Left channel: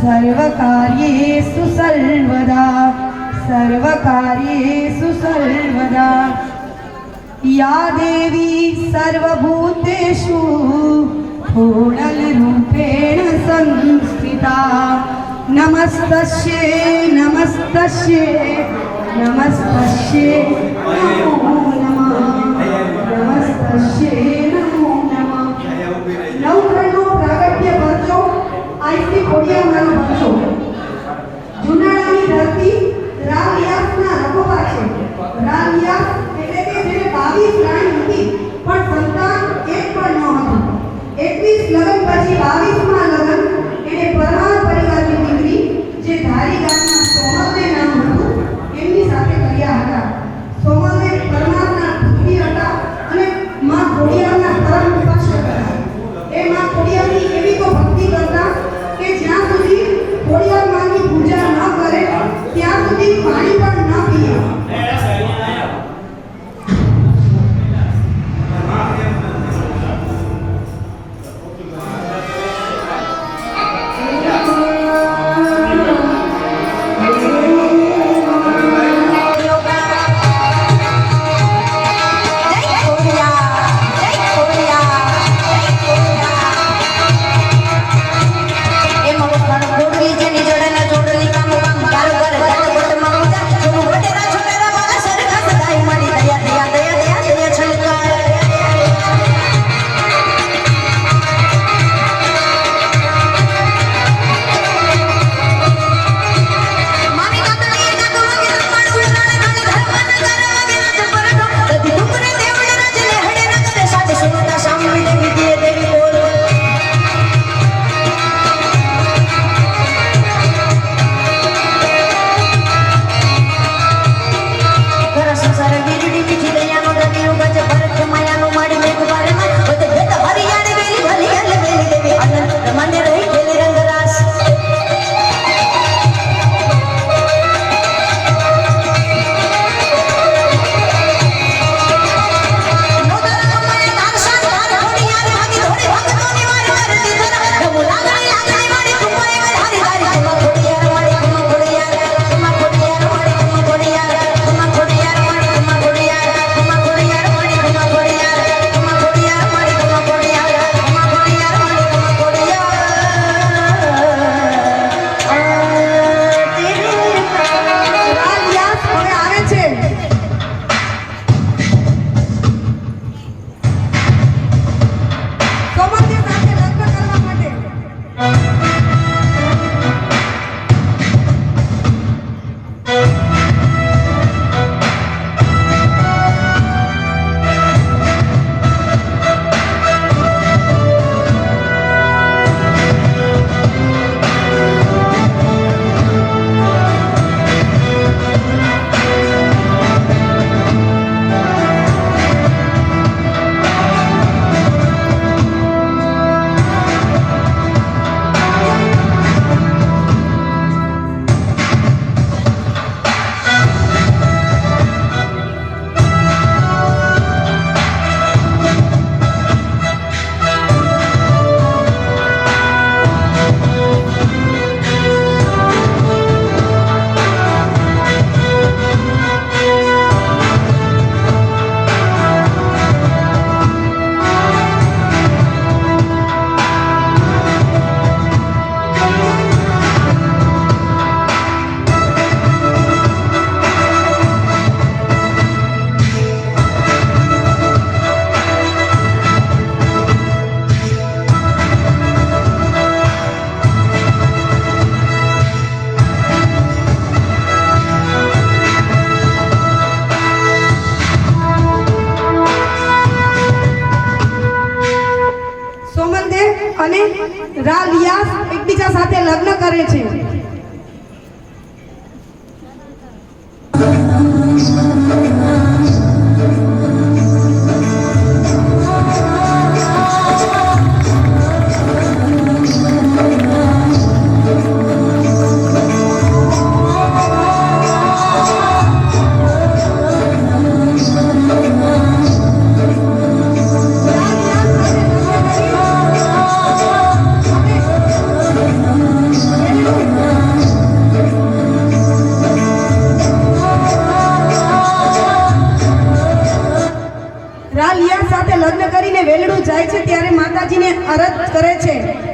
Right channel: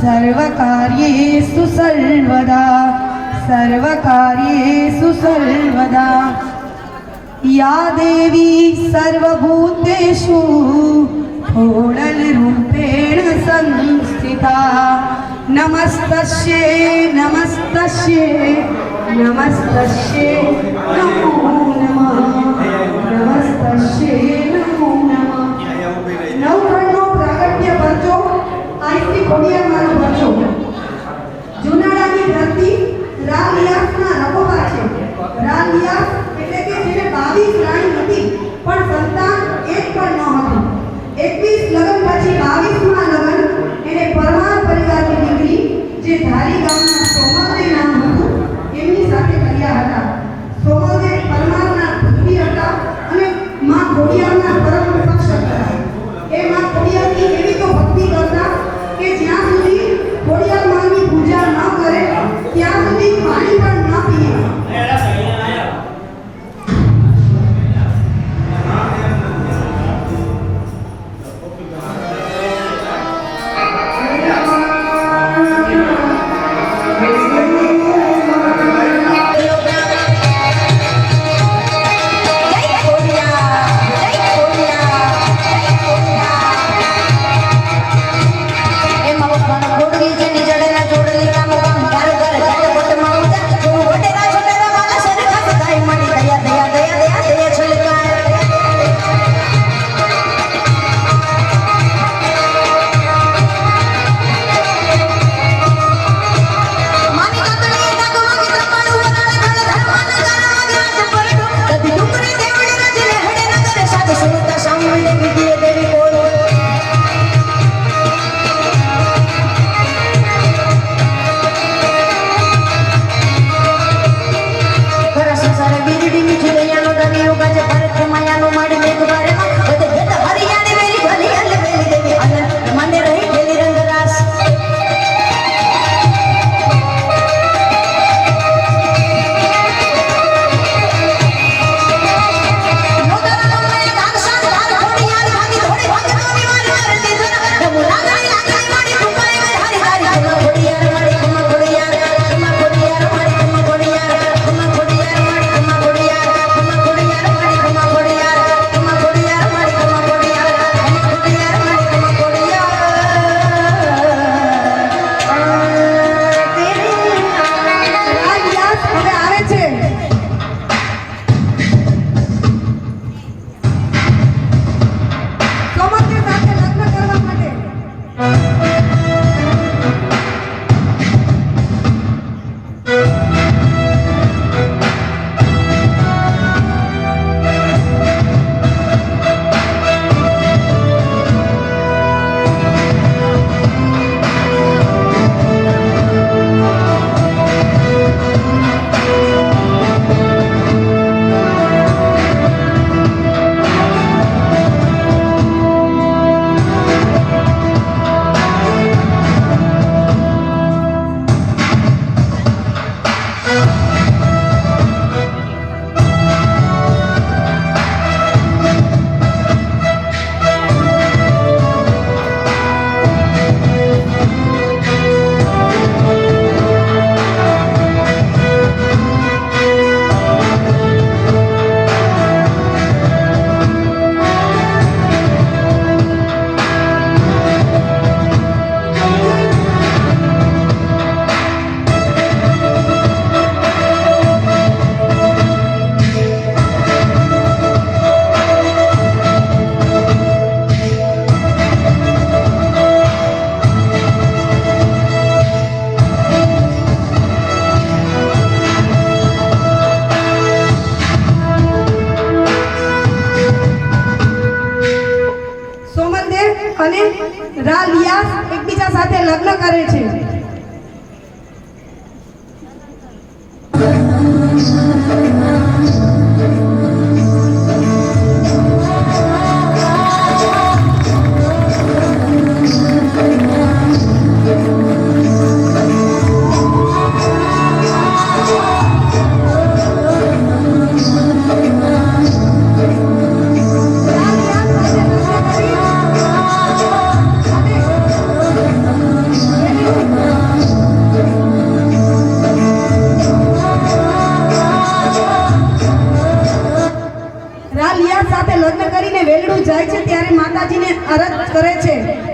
सर्वकार्येषु सर्वदा सर्वकार्येषु सर्वदा। या देवी सर्वभूतेषु कोडलरूपेण संस्थिता। नमस्तस्य नमस्तस्ये नमस्तस्ये नमो नमः। नमस्तस्य। poniendo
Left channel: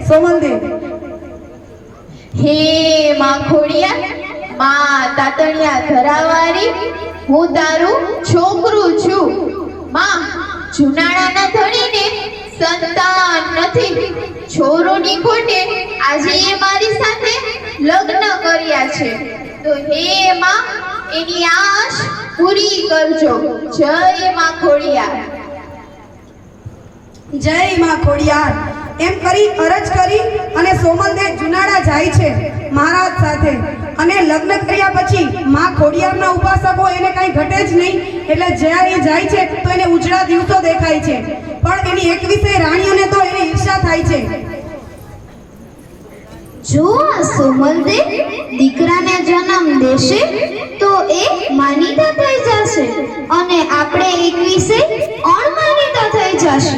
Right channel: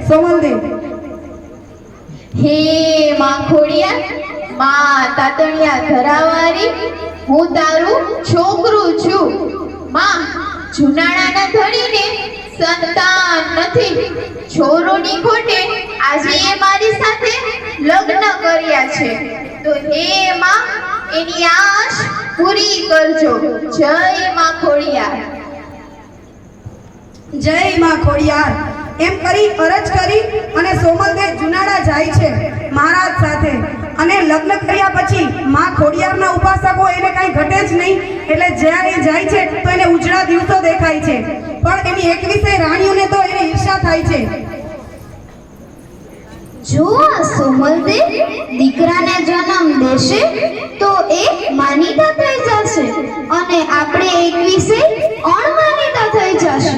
સોમલદેવ હે માં ખોડિયા માં તાતણિયા ધરાવારી, હું તારું છોકરું છું. માં જુનાળાના ધણીને સંતાન નથી. છોરોની ખોટે આજે એ મારી સાથે લગ્ન કર્યા છે. તો હે માં, એની આશ પૂરી કરજો. જય માં ખોડિયા જય માં ખોડિયાર. એમ કરી અરજ કરી અને સોમલદેવ જુનાડા જાય છે મહારાજ સાથે. અને લગ્ન કર્યા પછી માં ખોડિયારના ઉપાસકો એને કાંઈ ઘટે જ નહીં. એટલે જ્યારે એ જાય છે, તો એને ઉજળા દિવસો દેખાય છે. પણ એની એકવીસે રાણીઓને તો એને ઈર્ષા થાય છે. જો આ સોમલદેવ દીકરાને જન્મ દેશે તો એ માનીતા થઈ જશે. અને આપણે એકવીસે અણમાનીતા થઈ જશે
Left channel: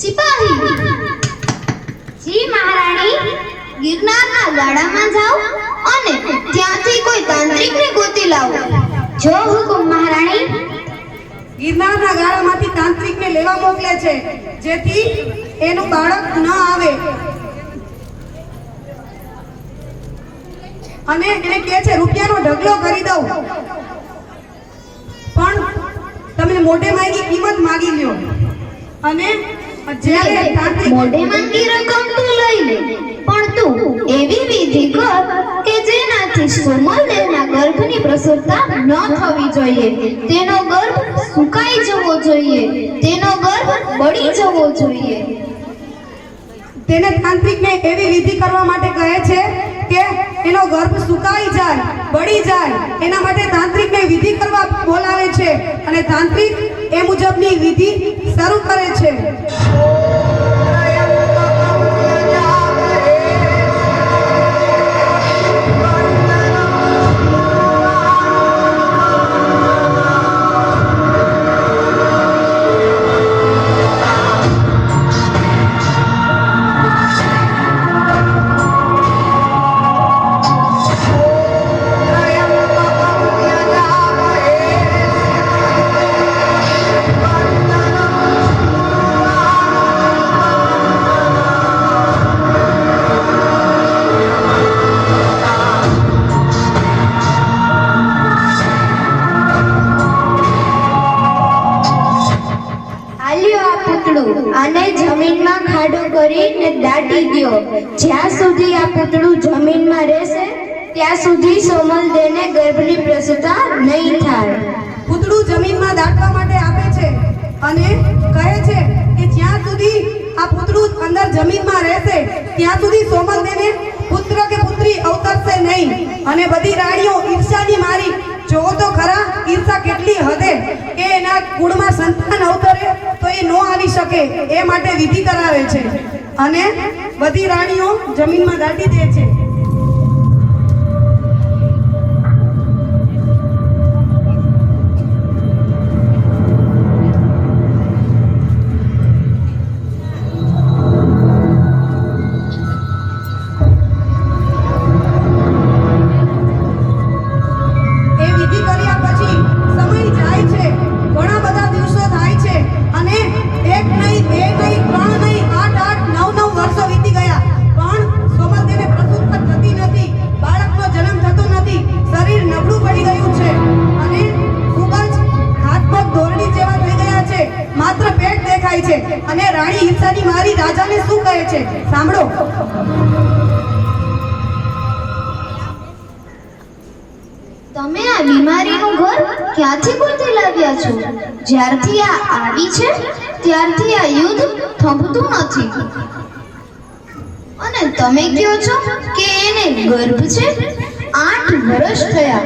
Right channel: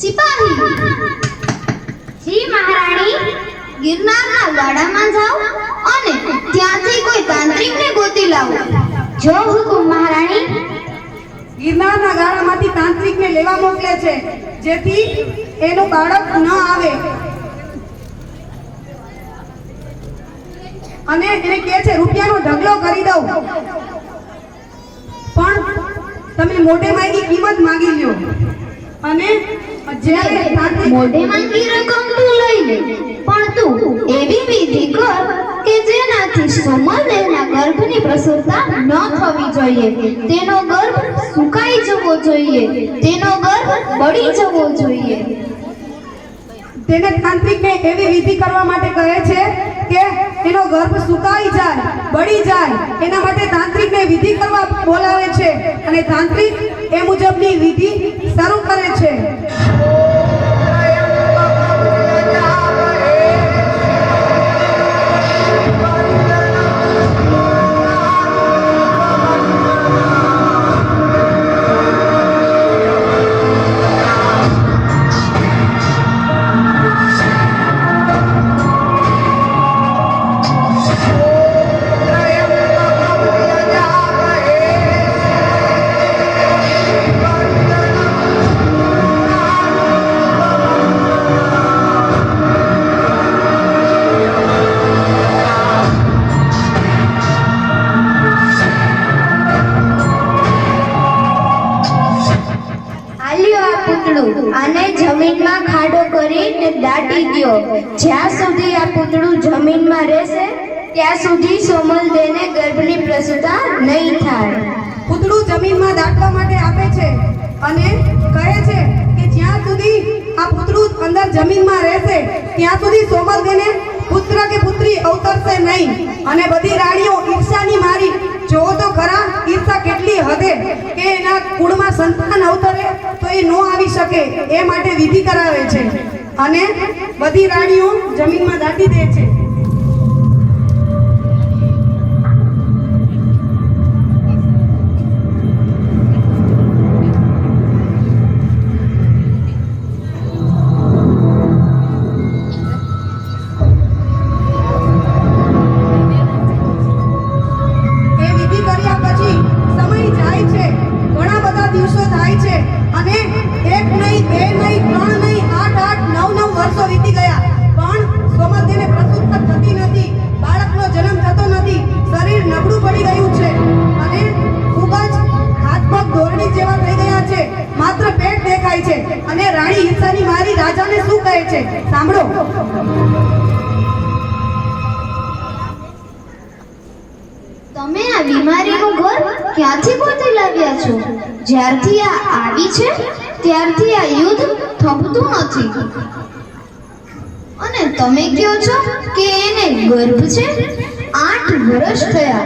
સિપાહી. જી મહારાણી, ગિરનારના ગાડામાં જાઓ અને ત્યાંથી કોઈ તાંત્રિકને ગોતી લાવો. જો હુકુમ મહારાણી. ગિરનારના ગાળામાંથી તાંત્રિકને લેવા મોકલે છે, જેથી એનું બાળક ન આવે. અને એને કહે છે, રૂપિયાનો ઢગલો કરી દઉં. પણ તમે મોઢે માંગી કિંમત માગી લ્યો. અને જ્યારે મોઢે માંગી રકમ તું લઈ લે પણ તું એવી વિધિ કર કે જેનાથી સોમલદેવના ગર્ભની પ્રસવતા ન થવી જોઈએ. તેનો ગર્ભ સુકાઈ જવો જોઈએ. તેનો ગર્ભ બળી જવો જોઈએ. તેને તાંત્રિકને એવી વિધિ કરવા માટે કહે છે કે એનો ગર્ભ સુકાઈ જાય બળી જાય. એના માટે તાંત્રિકને વિધિ કરવા બોલાવે છે અને તાંત્રિક એ મુજબની વિધિ શરૂ કરે છે. આલ્યો આ પૂતળું. આને જમીનમાં ખાડો કરીને દાટી ગયો જ્યાં સુધી આ પૂતળું જમીનમાં રહેશે, ત્યાં સુધી સોમલદેવને ગર્ભની પ્રસૂતા નહીં થાય. પૂતળું જમીનમાં દાટવા માટે આપે છે અને કહે છે કે જ્યાં સુધી આ પૂતળું અંદર જમીનમાં રહેશે, ત્યાં સુધી સોમલદેવને પુત્ર કે પુત્રી અવતરશે નહીં. અને બધી રાણીઓ ઈર્ષાની મારી જોવો તો ખરા, ઈર્ષા કેટલી હદે કે એના કુળમાં સંતાન અવતરે તો એ ન આવી શકે, એ માટે વિધિ કરાવે છે. અને બધી રાણીઓ જમીનમાં દાટી દે છે. છે. અને રાણી ઈર્ષાની મારી રાજાને શું કહે છે? સાંભળો. તમે આ બીમારીનું ઘર ક્યાંથી ગોતી લાવ્યા છો? જ્યારથી આ આવી છે, ત્યારથી આ યુદ્ધ થમતું નથી. અને તમે કહો છો કે એને ગર્ભ છે? આઠ વર્ષ થયા.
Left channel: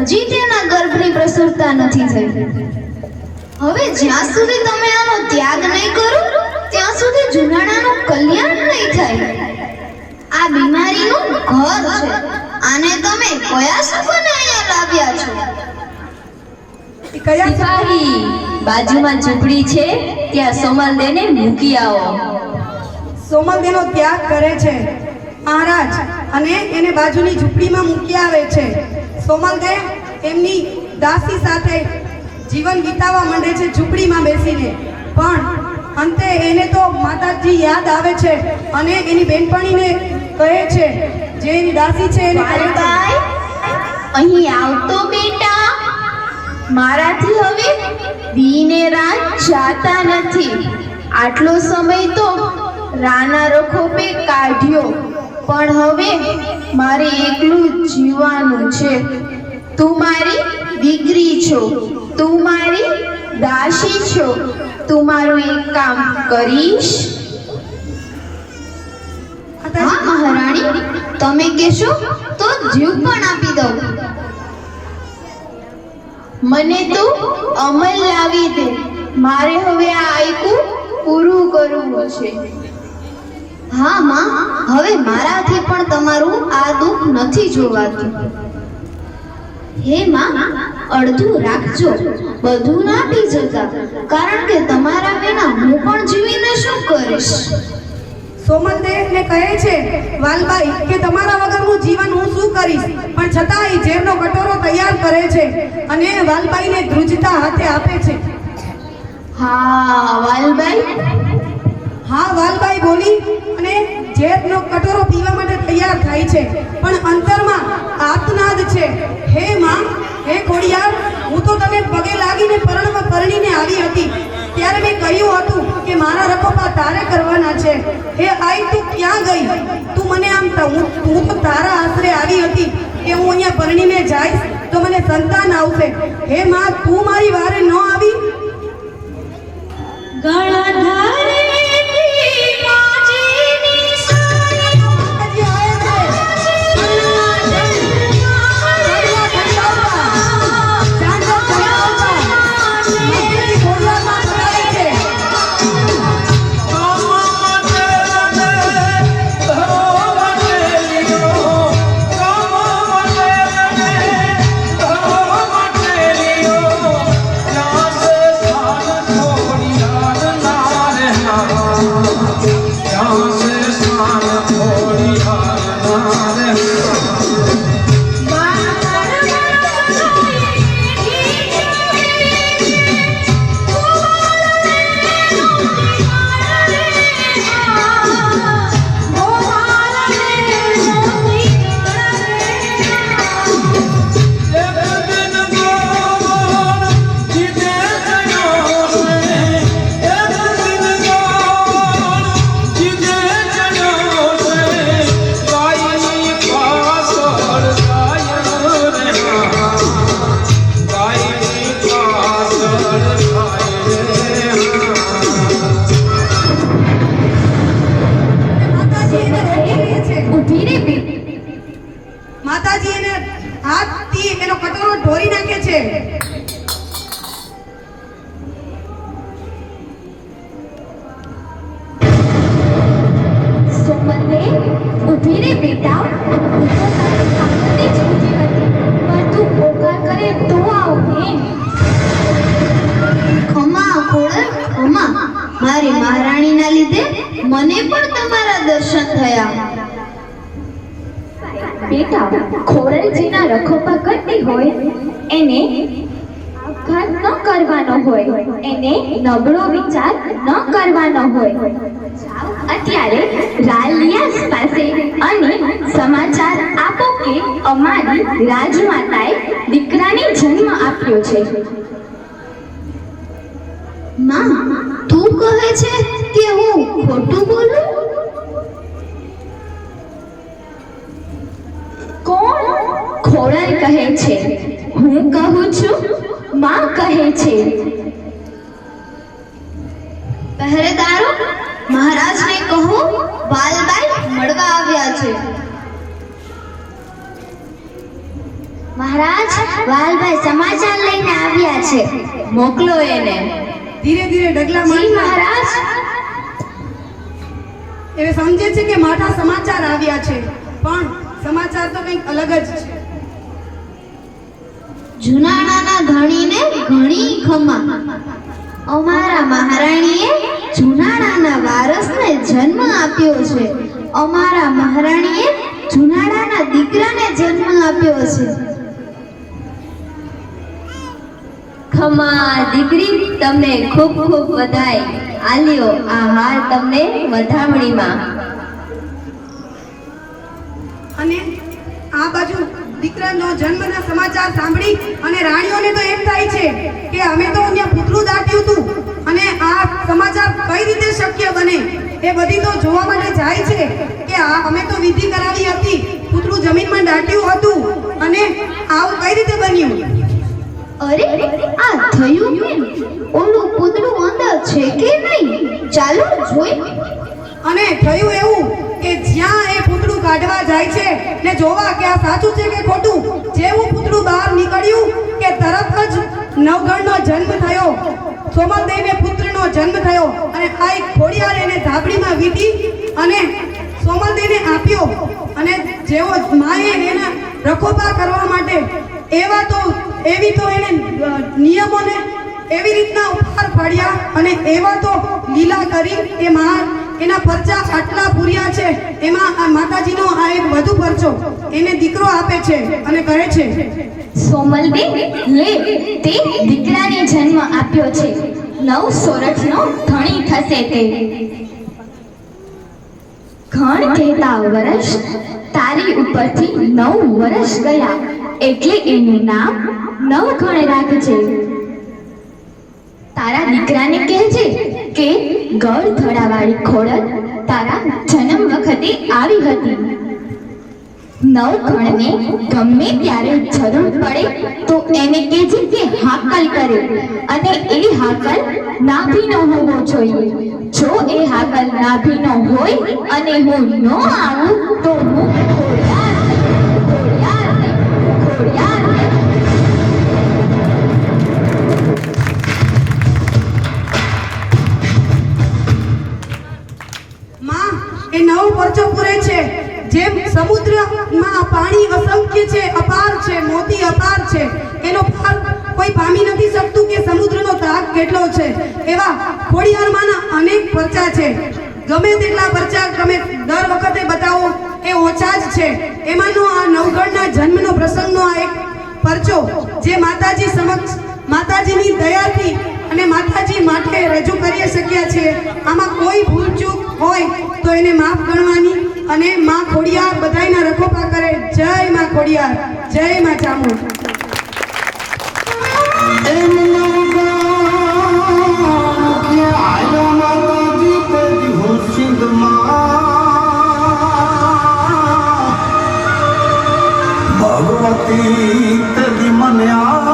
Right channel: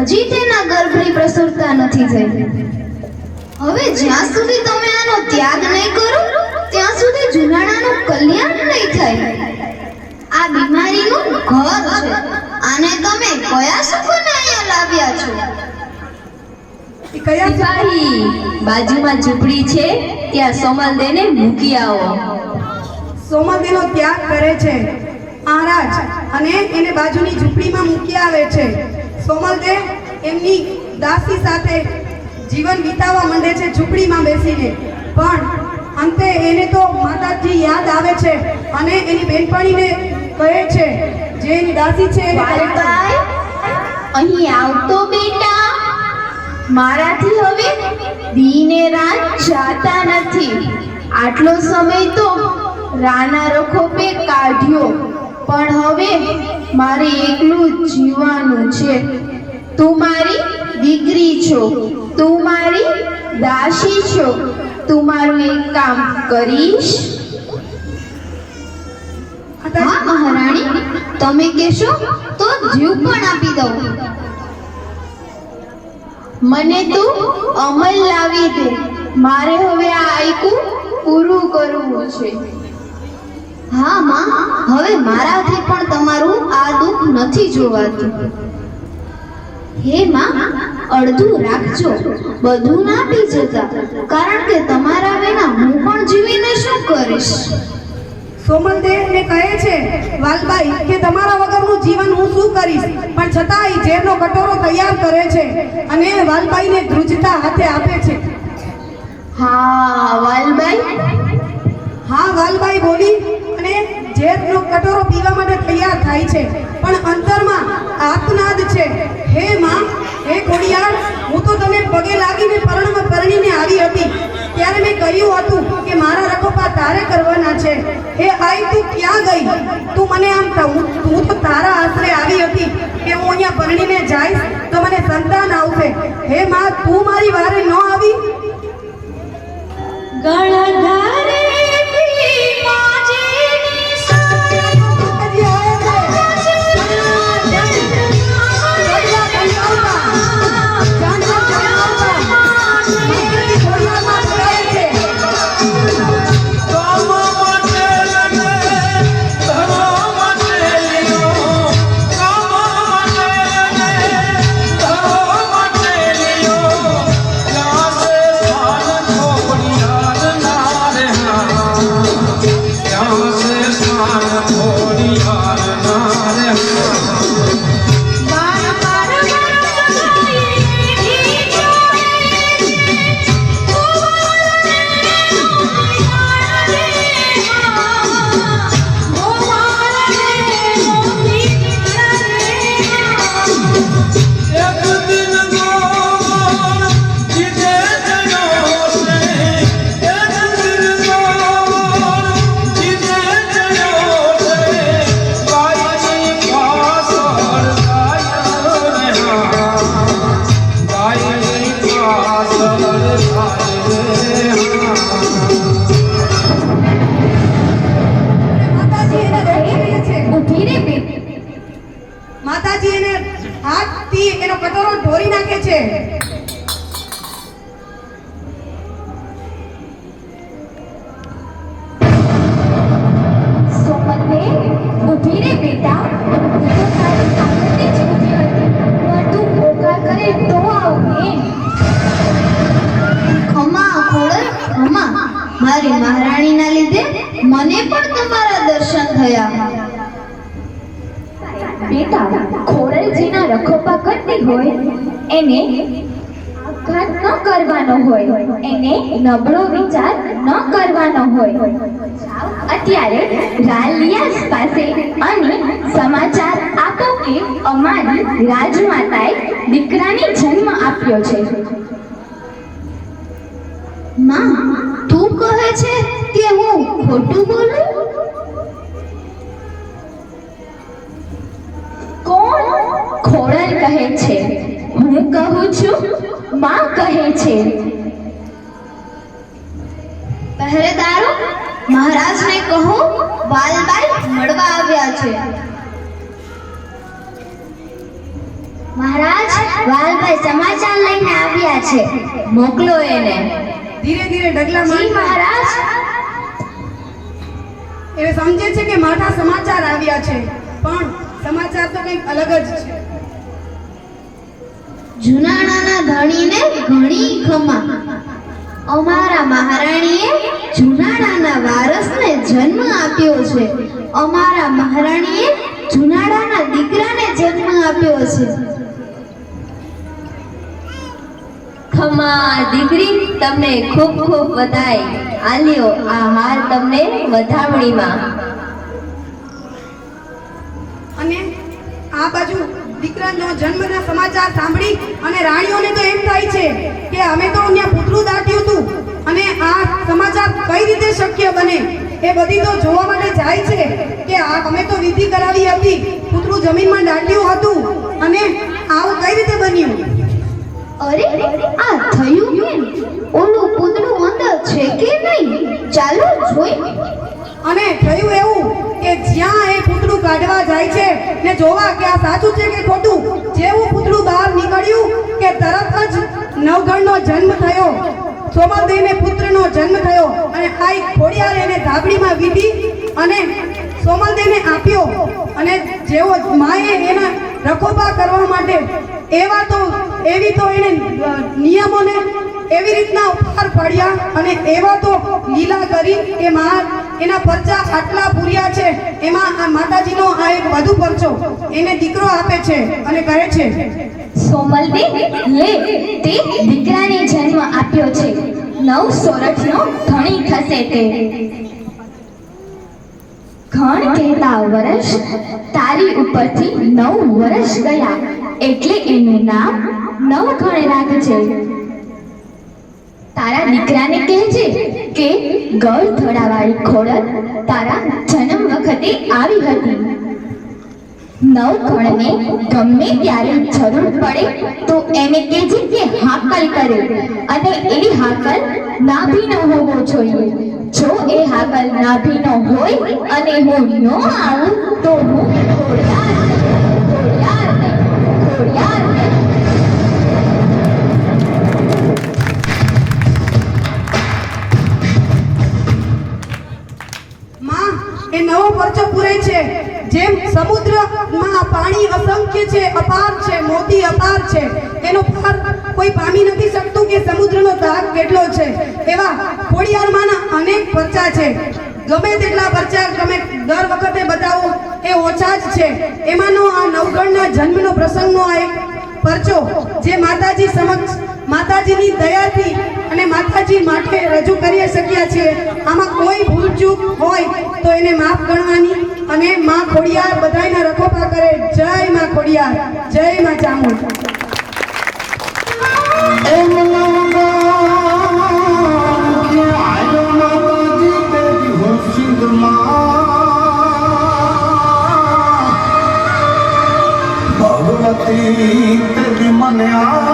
હજી તેના ગર્ભની પ્રસરતા નથી થઈ. હવે જ્યાં સુધી તમે આનો ત્યાગ નહીં કરો ત્યાં સુધી જુનાણાનું કલ્યાણ નહીં થાય. આ બીમારીનું ઘર છે. આને તમે કયા સુખને અહીંયા લાવ્યા છો? એ કયા સિપાહી બાજુમાં ઝૂંપડી છે ત્યાં સોમલદેવને મૂકી આવો. સોમલદેનો ત્યાગ કરે છે. મહારાજ અને એને બાજુની ઝૂંપડીમાં મૂકી આવે છે. સોમલદેવ એમની દાસી સાથે જીવન વિતાવવા માંડે છે ઝૂંપડીમાં બેસીને. પણ અંતે એને તો માતાજી યાદ આવે છે અને એની બેનપણીને કહે છે જે એની દાસી છે એને કહે અહીં આવતો બેટા. મારાથી હવે દીને રાત જાતા નથી. આટલો સમય તો રાના રખોપે કાઢ્યો. પણ હવે મારે એકલું જીવવાનું છે. તું મારી દીકરી છો. તું મારી દાસી છો. તું મારું એક કામ કરીશ. હા, મહારાણી, તમે કહેશો તો જીવ પણ આપી દઉં. મને તું અમલ લાવી દે. મારે હવે આ આયકું પૂરું કરવું છે. હા, માં, હવે મારાથી પણ તમારું આ દુઃખ નથી જોવાતું. હે, માં અડધું રાખજો. બધું ના પી જતા. કારણ કે તમારા વિના હું પણ જીવીને શું કરીશ? સોમનદેવને કહે છે વાલબાઈ કે તમારા વગરનું જીવન હું શું કરીશ? પણ છતાં એ ઝેરનો કટોરો તૈયાર કરે છે અને વાલબાઈને ધ્રુજતા હાથે આપે છે. હા વાલભાઈ હા વાલબાઈ બોલી અને ઝેરનો કટોરો પીવા માટે તૈયાર થાય છે. પણ અંતરમાં આત્મનાદ છે. હે માં હે ખોડિયાર, હું તો તને પગે લાગીને પરણમાં પરણીને આવી હતી. ત્યારે મેં કહ્યું હતું કે મારા રખોપા તારે કરવાના છે. હે આઈ, તું ક્યાં ગઈ? તું મને આમ હું હું તો તારા આશરે આવી હતી કે હું અહીંયા પરણીને જઈશ તો મને સંતાન આવશે. હે માં, તું મારી વારે માતાજી મારી મહારાણીના લીધે મને પણ તમારા દર્શન થયા. બેટા ખોરલજીના રખોપા કરતી હોય. એને આઘાત ન કરવાનો હોય. એને નબળો વિચાર ન કરવાનો હોય. અત્યારે રાલિયાસ પાસે અને સમાચાર આપો કે અમારી રાજમાતાએ દીકરાને જન્મ આપ્યો છે. માં કહે છે કે હું ખોટું બોલું? કોણ ખોડલ કહે છે? હું કહું છું, માં કહે છે. પહેરેદારો, મહારાજને કહો, વાલબાઈ મળવા આવ્યા છે. મહારાજ વાલભાઈ સમાચાર લઈને આવ્યા છે. મોકલો એને. ધીરે ધીરે ડગલા જી મહારાજ. એ સમજે છે કે માઠા સમાચાર આવ્યા છે પણ સમાચાર તો કંઈક અલગ જ છે. જુનાણાના ધણીને ઘણી ખમા. અમારા મહારાણીએ જુનાડાના વારસને જન્મ આપ્યો છે. અમારા મહારાણીએ જુનાડાના દીકરાને જન્મ આપ્યો છે. ખમા દીકરી તમને ખૂબ ખૂબ વધાય આલ્યો આ હાર તમને વધામણીમાં. અને આ બાજુ દીકરાનો જન્મના સમાચાર સાંભળી અને રાણીઓને તો એમ થાય છે કે અમે તો અહીંયા પૂતળું દાટ્યું હતું અને આ સમાચાર કઈ રીતે શક્ય બને એ બધી તો જોવા માટે જાય છે કે આ અમે તો વિધિ કરાવી હતી, પૂતળું જમીનમાં દાટ્યું હતું અને આવું કઈ રીતે બન્યું? અરે, આ થયું કેમ? ઓલું પૂતળું અંદર છે કે નહીં? ચાલો જોઈ. અને થયું એવું કે જ્યાં એ પૂતળું કાઢવા જાય છે, ને જોવા કે આ સાચું છે કે ખોટું, જેવું પૂતળું બહાર નીકળ્યું કે તરત જ નવગણનો જન્મ થયો. સોમલદેવને પુત્રનો જન્મ થયો અને આ એક ખોડિયાર એને ધાબડીમાં વીધી અને સોમલદેવને આપ્યો. અને જેવો માએ એના રખોપા કરવા માટે એવા તો એવી તો એને નિયમોને એવી રીતના ઉપહાર પાડ્યા અને એવા તો લીલા કરી કે મા એના પરચા આટલા પૂર્યા છે, એમાં આ માતાજીનો આ એક વધુ પરચો, એને દીકરો આપે છે અને કહે છે, સોમલબેન, લે, તે દીકરાને જન્મ આપ્યો છે. નવ સોરઠનો ધણી થશે તે. ઘણ કહેતા વર્ષ તારી ઉપરથી નવ વર્ષ ગયા. એટલે એનું નામ નવઘણ રાખજે તારા દીકરાને કહેજે કે, ગળ ધડાવાળી ખોડલ તારા જન્મ વખતે આવી હતી. નવઘણને ગમે ત્યારે જરૂર પડે તો એને કહેજે કે હાકલ કરે અને એ હાકલ નાભીનો હોવો જોઈએ. જો એ હાકલ નાભીનો હોય અને હું ન આવું તો હું ખોડિયાર ખોડિયાર ખોડિયાર નવો પરચો પૂરે છે. જેમ સમુદ્રમાં પાણી અસંખ્ય છે, અપાર છે, મોતી અપાર છે. એનો પાર કોઈ પામી નથી શકતું કે સમુદ્રનો ધાક કેટલો છે. એવા ખોડિયારમાંના અનેક પરચા છે. ગમે તેટલા પરચા તમે દર વખતે બતાવો, એ ઓછા જ છે. એમાંનો આ નવગણના જન્મનો પ્રસંગનો આ એક પરચો, જે માતાજી સમક્ષ માતાજીની દયાથી અને માતાજી માટે રજૂ કરી શક્યા છે. આમાં કોઈ ભૂલચૂક હોય તો એને માફ ગણવાની અને માં ખોડિયાર બધાયના રખોપા કરે. જય માં ખોડિયાર. જય માં ચામુંડ. ભગવતી મને